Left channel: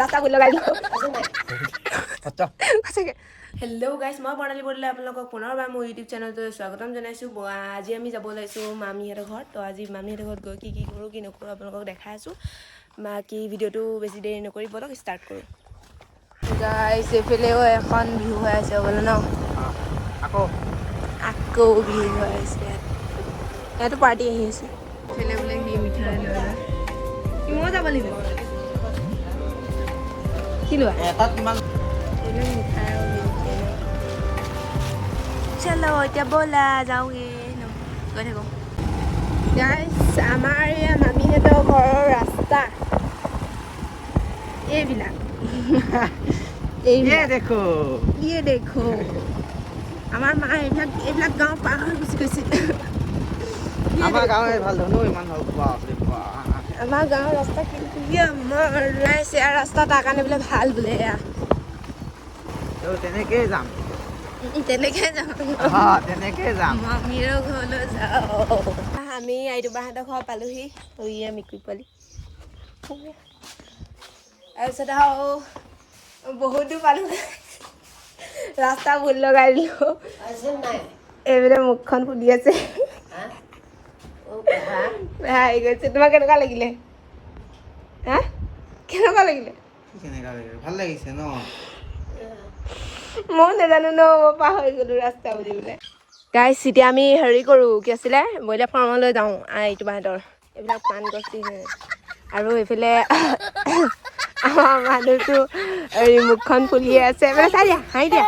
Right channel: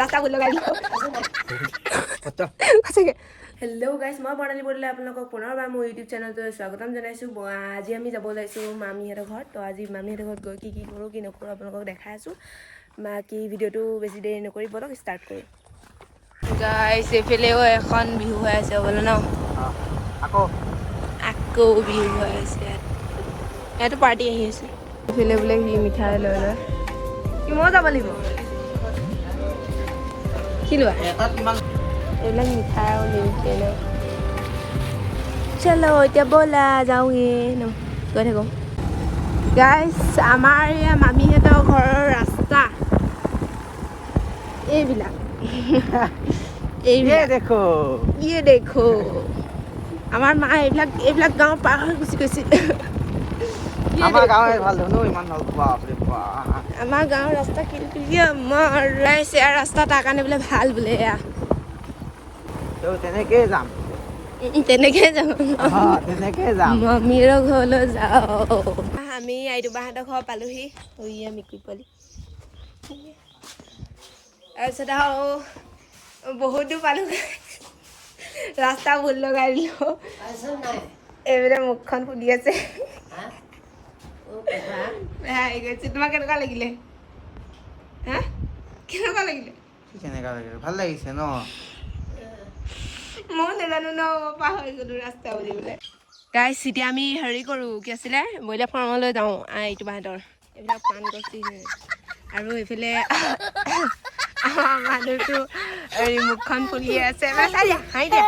ৰাস্তা ভুল লগাই দিলোঁ সঁচাকৈ হেল্ল' গাইজ মই প্ৰণালী বৰদলৈ আপোনালোকক পুনৰবাৰ মোৰ ইউটিউব চেনেলটোলৈ স্বাগতম জনাইছোঁ আজি আমি যাব ওলাইছোঁ মামীহঁতৰ ঘৰত তো আজি মামীহঁতৰ ঘৰত গৈ কি কৰোঁ কি নকৰোঁ আপোনালোকক দেখাই আছোঁ বাকী ভিডিঅ'টো বেছি দেৰি নকৰি বলক ষ্টাৰ্ট কৰোঁ গাইজ এইফালেও এখন বিহু হৈ আছে বোলে ন আকৌ বিহু হৈ আছে ইয়াতো পাৰ্টি আহি আছে এইফালে বোলে সি মিঠাই লৈ লয় সি ময়ো যাব লাগিব কি লোৱা এইবিলাক মিঠাই আৰু নিমকি ন চলো এতিয়া ব'লা যাওঁগে ন গৈ থাকোঁ গাইজ আমাৰ মামীহঁতৰ ঘৰৰ ৰাস্তা এইবিলাক দেখো আমাৰ মা এইবিলাক গাঁও পাৰ হৈ গুচি গৈছে আমাৰ গাঁৱে ভাল ধনো ইমান আমাৰ গাঁৱৰ ৰাস্তা কিন্তু মৰাইছে আৰু ৰাস্তা তাৰ কাৰণে বোলে ভাল বোলে তেনেকেই যাম তেনেকেই যাম মামীৰ ঘৰলৈ যাওঁ আমি আইতুবাহঁতৰ ঘৰ পালোহি মিকুৰী পোৱালি তাৰপিছত আৰু বহুত দূৰ পালোঁ ৰাস্তা ভুল লগাই দিলোঁ এইবিলাক মুখখন ফুলি আছে আহি গৈছে তোমাৰ কেনেকুৱা লাগিলে হা কেনেকুৱা লাগিলে ভাল লাগিছে ন মই নাজানো ন মই পাহৰি গ'লো ৰাস্তা বুলিবলৈ গাইজ এতিয়া আমি হেৰি কৰোঁ কি আছিলে ব্ৰইলাৰ ফাৰ্মলৈ যাওঁ আইতুবাহঁতৰ এইবিলাক পাণ গছ দি আৰু এইফালে আমাৰ মানুহটো হেৰি মুখখন ফুলিয়ে আছে চাই দিয়া হাঁহি দিয়া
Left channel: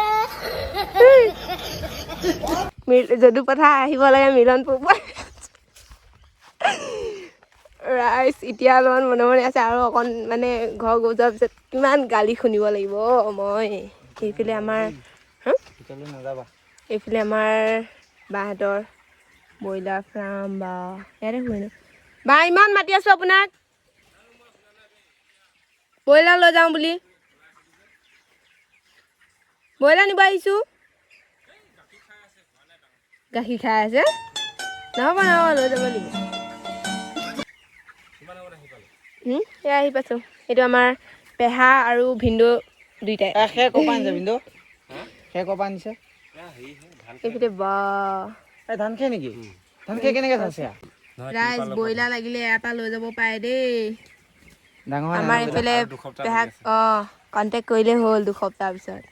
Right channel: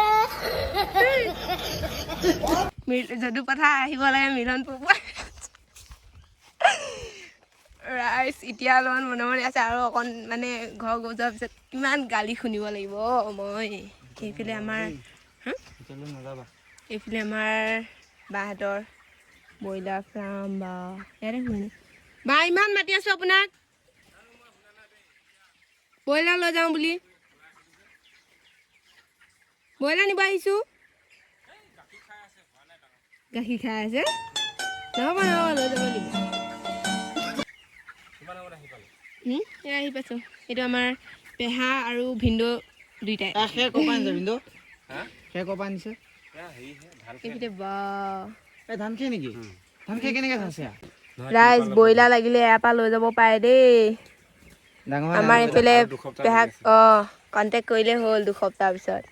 যদু পথাৰ আহিব লাগে মিলনপুৰ ৰাইজ এতিয়া অলপমান মনে মনে আছে আৰু অকণ মানে ঘৰ গৈ যোৱাৰ পিছত কিমান গালি শুনিব লাগিব মই এইফালে আমাৰ এইফালে আমাৰ বাহঁতৰ ব্ৰইলাৰ ফাৰ্ম বা ইয়াতে শুনে বা ইমান মাতি আছোঁ আপোনাক ব্ৰইলাৰ লৈ যাওঁ বুলি ব্ৰইলাৰ নিব আহিছোঁ গাখীৰ খাই আছে নহ'ব লৈ যাব লাগিব এয়া আহি পাইছোঁ এইটো আমাৰ পেহা আৰু ভিন্দু দুইটাই এইফালে বা ধান খেৰ নেকি ধান খেৰ কেনেকে থৈছে ৰাইজ ব্ৰইলাৰ লাগিলে ইয়াৰ পৰা লৈ যাব পাৰে দেই আমাৰ এইফালে পেহাক কণ্টেক্ট কৰিলেই হ'ল দুসপ্তাহৰ পিছত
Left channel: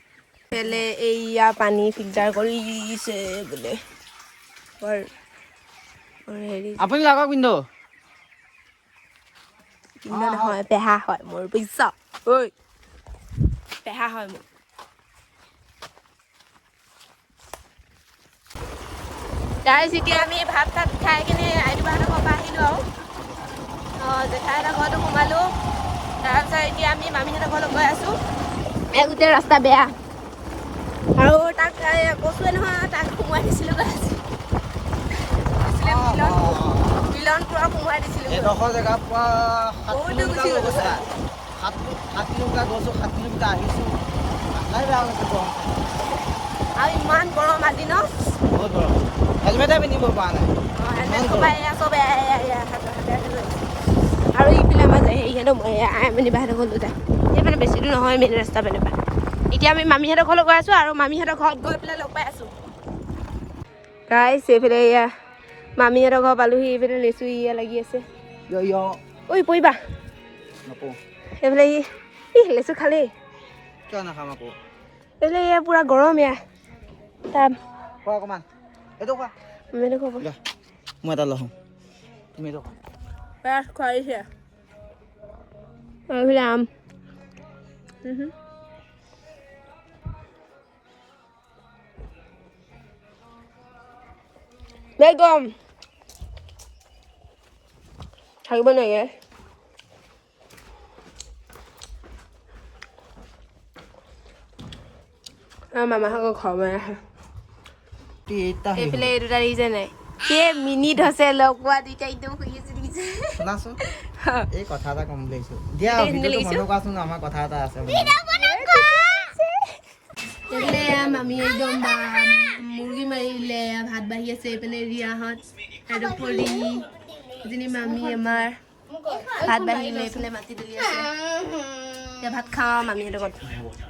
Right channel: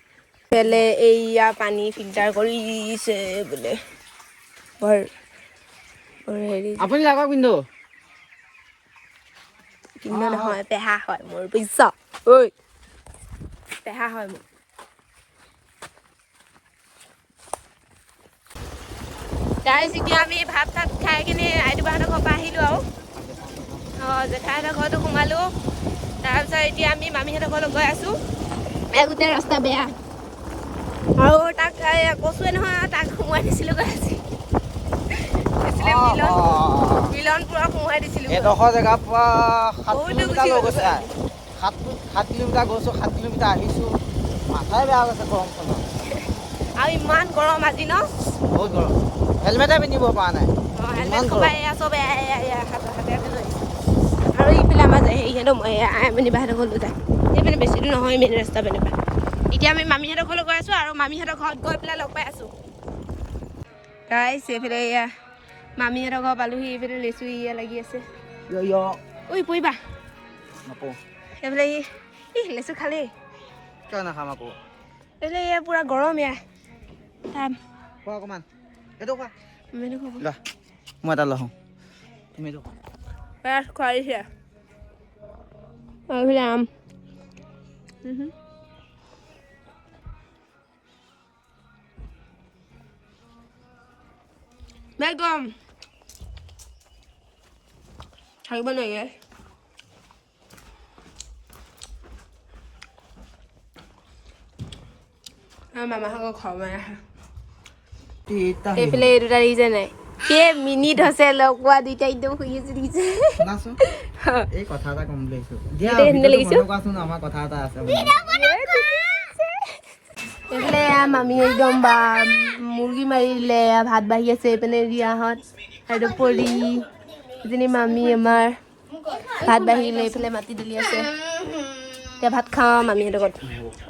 এইফালে এইয়া পানী ফিল্টাৰ কৰিছে বোলে বৰ হেৰি আপুনি লাগক পিন্ধো কিন্তু নহয় পেহা হয় মোৰ বুজিছ ঐ পেহা হয় মোৰ গাইজ এতিয়া আমি ভাত চাত খাই কিনে আইতুবাহঁতৰ ঘৰৰ পৰা আহিলোঁ আৰু জেঠাইহঁতৰ ঘৰতো সোমালোঁ তাৰপিছত এতিয়া আমি মামীহঁতৰ ঘৰলৈ গৈ আছোঁ গোটেই ৰাস্তা বেয়া আৰু তাক কৈছোৱে নহয় তাক সোমোৱাই দিছিলোঁ মিলনপুৰত সোমোৱাই দিছিলোঁ এডোখৰ জেগাৰ পৰা 7 কিলোমিটাৰ লৈ গৈছে 7 কিলোমিটাৰ গৈছোঁ 7 কিলোমিটাৰ আহিছোঁ মাথাই বেয়া গৈছে গৰমখনত আৰু ইমান গৰম আজি ন বহুত গৰম হেলমেটে পিন্ধিব পৰা নাই আৰু ইফালে আমাৰ হেৰিহঁতৰ মামীবাহঁতৰ ঘৰলৈ যায় এইফালে বেছি দূৰ নহয় মেইন ৰাস্তা পিনে পৰা এতিয়া আমি মামীহঁতৰ ঘৰলৈ গৈ আছোঁ আৰু মামীহঁতৰ ঘৰত গৈ পেলাই লগ পাই আছোঁ গাইজ এইফালে এয়া মামীহঁতৰ ঘৰ পালোহি এইফালে লেচু ইয়া লাগি আছে ঐ পৰিবা এইফালে লেচু খালেই কিয় নাখাম আকৌ এইফালে এয়া পূৰা গৰম এয়া তাৰ খোৱা অকণমান এইটো খোৱা মামীহঁতৰ ঘৰ মই এটা লওঁ তুমি এইটো খোৱা দিছে এইফালে আম বেগম থাকিব নালাগে মামাহঁতৰ ঘৰ বনাই আছে এইফালে এই দুটা দেখিছে নাই মিনিট হৈছে লগ পোৱা দুইটা একদম শুই আছে দেখিছে এই কথা এটা কম বুলি আহিছোঁ দিয়া কোৱাচোন আমাৰ কথা এটা আছে এইফালে মামী একদম বা মুৰ্গী মাৰি দিলে ভাত বাঢ়ি আছে এইপিনে ৰিয়াহঁত আৰু পৰি এজনী মামী আমাৰ ভাত বাঢ়িলে এইফালে মাটি তুলি আছে এতিয়া ভাত খাওঁ মামীহঁতৰ ঘৰত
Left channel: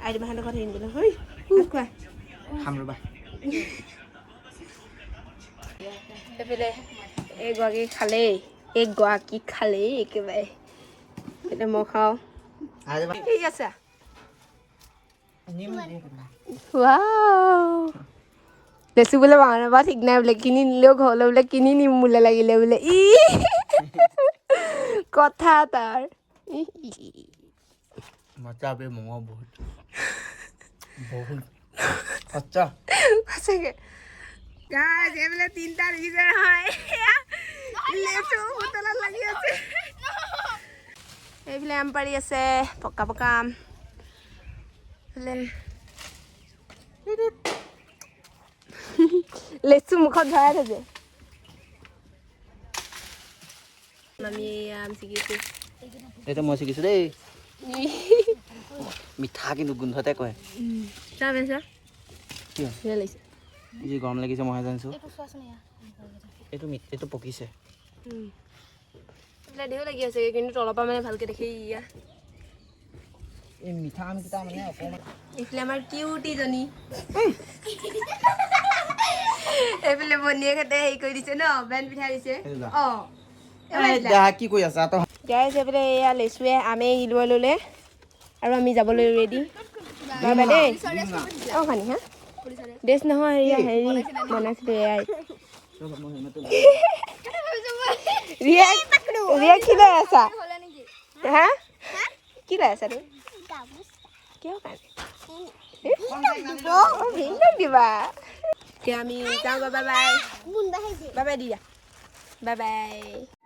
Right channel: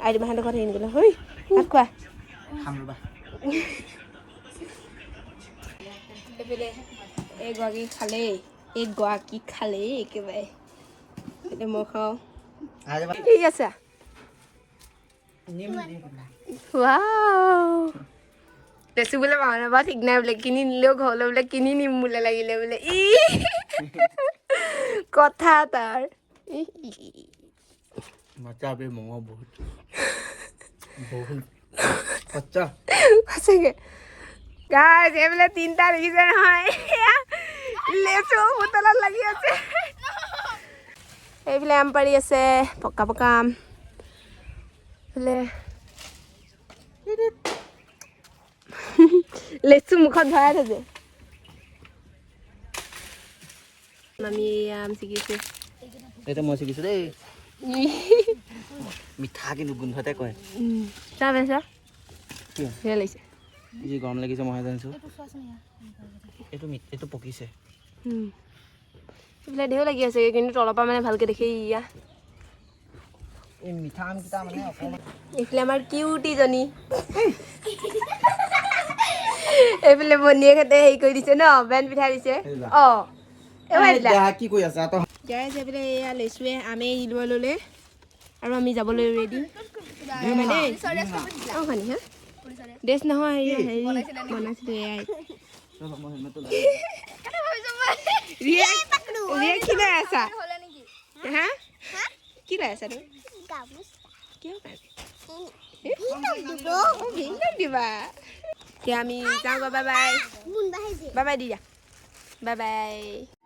আইডিমাহঁতৰ ঘৰত হেৰি গ'লে হৈ ভাত খোৱা খাম ৰ'বা এইফালে এগৰাকী খালেই একেবাৰে এতিয়া মই খাওঁ ঠিক আছে লেচু বোলে মানুহ বা ঠিক নাই বোলে কিনি নিলেও ঘৰলৈ বোলে কিনি নিম বোলে লাগিলে বোলে কথা তাৰ মজা মঙহ বহুত সঁচাকে গাইজ এইবোলে তিনিটা দেখিছে নহয় লেচু হোটেলত লাগি আছে এইফালে আম পাৰি আছে পকা পকা আম এইফালে লেচু মুখত ভৰাই থৈছে আমি আম ছিগিছো এইটো মই শিকিছোঁ দেই মিঠা কিন্তু গোন্ধতে কয় চাহ পাইছা কি ভাল লাগিছে যি গৰম লাগিছে মই জানিছোঁ এইটো পকিছে এইফালে ঢেৰ লাগি আছে কিন্তু তলৰ পৰা মানে ভালকে দেখি ইয়া এই মিঠা আমকেইটা মানে এইফালে আমাৰ কিউটিজনী এইফালে ভনীয়েকহঁতে হেৰি কৰি দিছে ন বেন পিঠাই দিছে কি কৈ আছা তই গাইজ এইফালে এয়া লেচুৱে আমে লৈ ল'লে আৰু আমি যাবলৈ ৰেডি বাবা দেই ভানি হা ড্ৰেছ নহয় এয়া হেৰি বনাইছিলোঁ এয়াই ৰিয়াক কি লৈ আছা হা কি লৈ আছা তুমি কিয় দিবা এতিয়া আমি যাওঁ বাই বাই বাই বাই দিয়া বাই বাই